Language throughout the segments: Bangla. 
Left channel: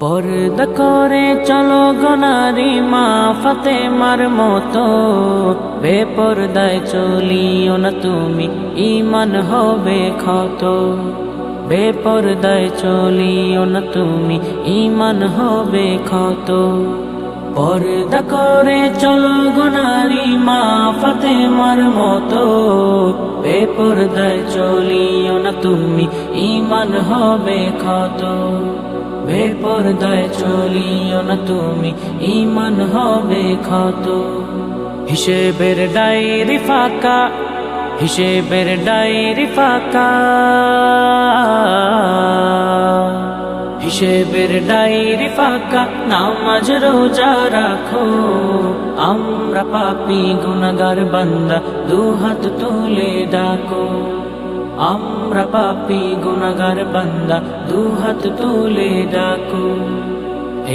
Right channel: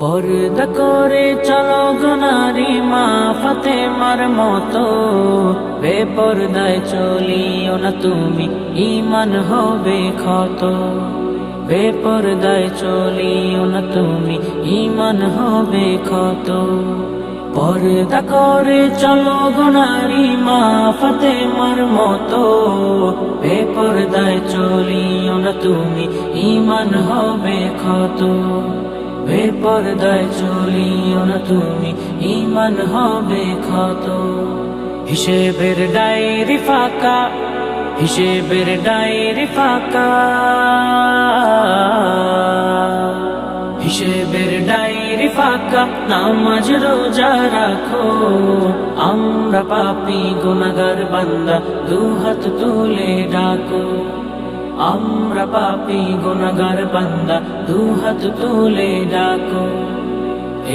পর্দা করে চলো গো নারী মা ফাতেমার মতো, বেপরদায় চলিও না তুমি, ঈমান হবে ক্ষত। বেপরদায় চলিও না তুমি, ঈমান হবে ক্ষত। পর্দা করে চলো গো নারী মা ফাতেমার মতো, বেপরদায় চলিও না তুমি, ঈমান হবে ক্ষত। বেপরদায় চলিও না তুমি, ঈমান হবে ক্ষত। হিসেবের ডায়েরি ফাঁকা, হিসেবের ডায়েরি ফাঁকা, হিসেবের ডায়েরি ফাঁকা, নামাজ রোজা রাখো। আমরা পাপী গুনাহগার বান্দা, দুহাত তুলে ডাকো। আমরা পাপী গুনাহগার বান্দা, দুহাত তুলে ডাকো।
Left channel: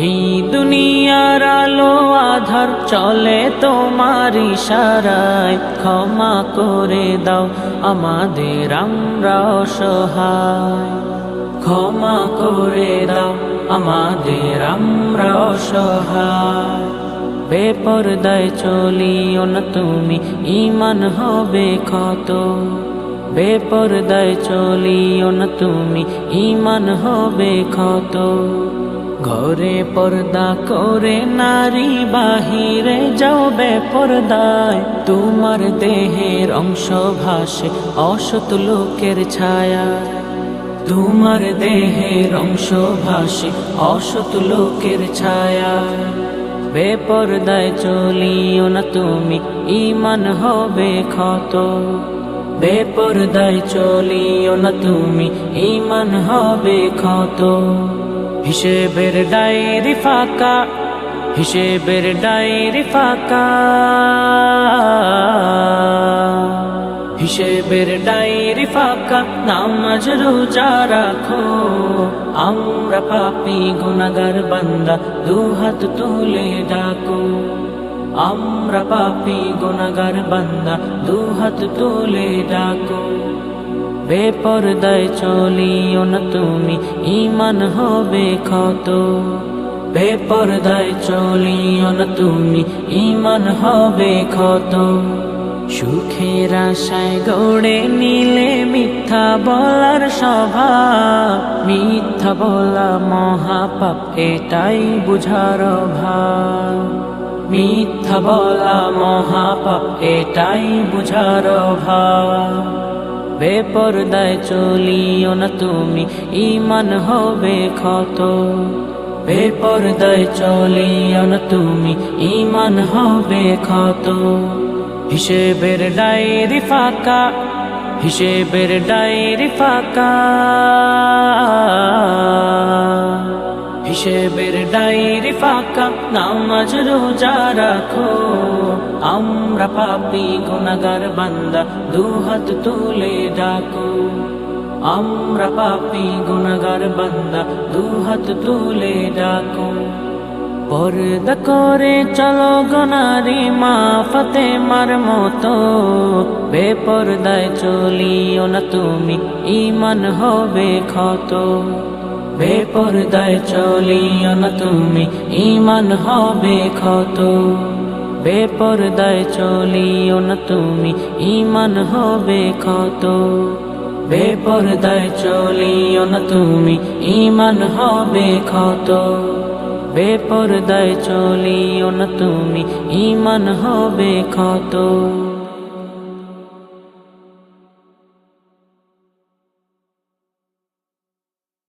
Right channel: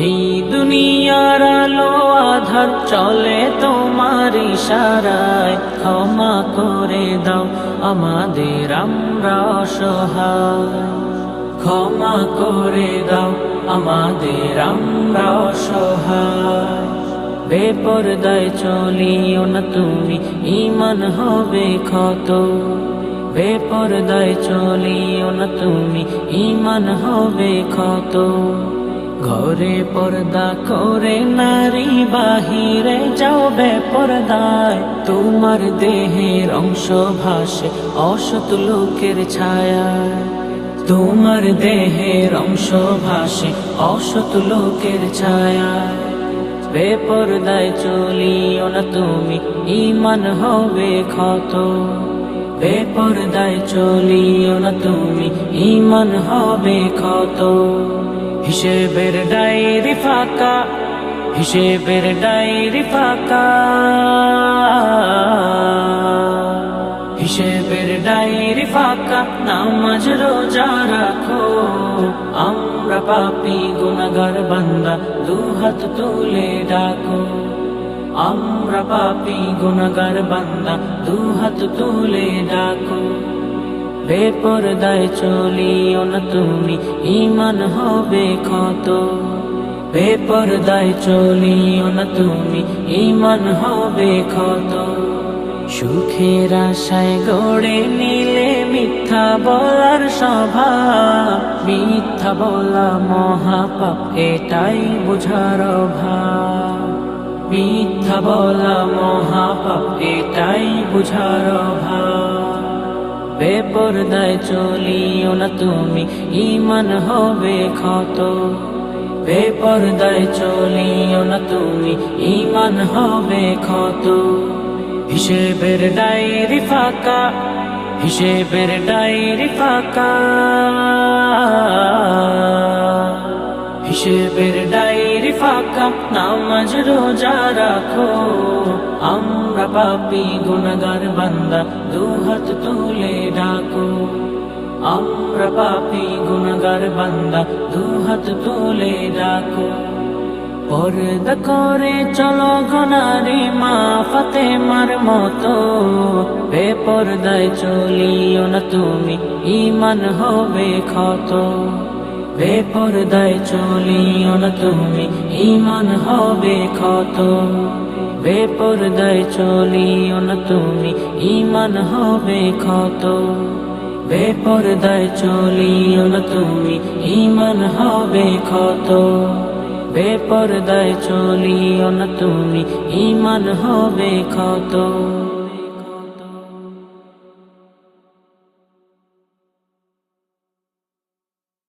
এই দুনিয়ার আলো আধার চলে তোমার ইশারায়, ক্ষমা করে দাও আমাদের, আমরা অসহায়। ক্ষমা করে দাও আমাদের, আমরা অসহায়। বেপরদায় চলিও না তুমি, ঈমান হবে ক্ষত। বেপরদায় চলিও না তুমি, ঈমান হবে ক্ষত। ঘরে পর্দা করে নারী বাহিরে যাও বেপরদায়, তোমার দেহের অংশ ভাসে অসৎ লোকের ছায়ায়। তোমার দেহের অংশ ভাসে অসৎ লোকের ছায়ায়। বেপরদায় চলিও না তুমি, ঈমান হবে ক্ষত। বেপরদায় চলিও না তুমি, ঈমান হবে ক্ষত। হিসেবের ডায়েরি ফাঁকা, হিসেবের ডায়েরি ফাঁকা, হিসেবের ডায়েরি ফাঁকা, নামাজ রোজা রাখো। আমরা পাপী গুনাহগার বান্দা, দুহাত তুলে ডাকো। আমরা পাপী গুনাহগার বান্দা, দুহাত তুলে ডাকো। বেপরদায় চলিও না তুমি, ঈমান হবে ক্ষত। বেপরদায় চলিও না তুমি, ঈমান হবে ক্ষত। সুখের আশায় গড়ে নিলে মিথ্যা বলার স্বভাব, মিথ্যা বলা মহাপাপ, এটাই বুঝার অভাব। মিথ্যা বলা মহাপাপ, এটাই বুঝার অভাব। বেপরদায় চলিও না তুমি, ঈমান হবে ক্ষত। বেপরদায় চলিও না তুমি, ঈমান হবে ক্ষত। হিসেবের ডায়েরি ফাঁকা, হিসেবের ডায়েরি ফাঁকা, হিসেবের ডায়েরি ফাঁকা, নামাজ রোজা রাখো। আমরা পাপী গুনাহগার বান্দা, দুহাত তুলে ডাকো। আমরা পাপী গুনাহগার বান্দা, দুহাত তুলে ডাকো। পর্দা করে চলো গো নারী মা ফাতেমার মতো, বেপরদায় চলিও না তুমি, ঈমান হবে ক্ষত। বেপরদায় চলিও না তুমি, ঈমান হবে ক্ষত। বেপরদায় চলিও না তুমি, ঈমান হবে ক্ষত। বেপরদায় চলিও না তুমি, ঈমান হবে ক্ষত। বেপরদায় চলিও না তুমি, ঈমান হবে ক্ষত।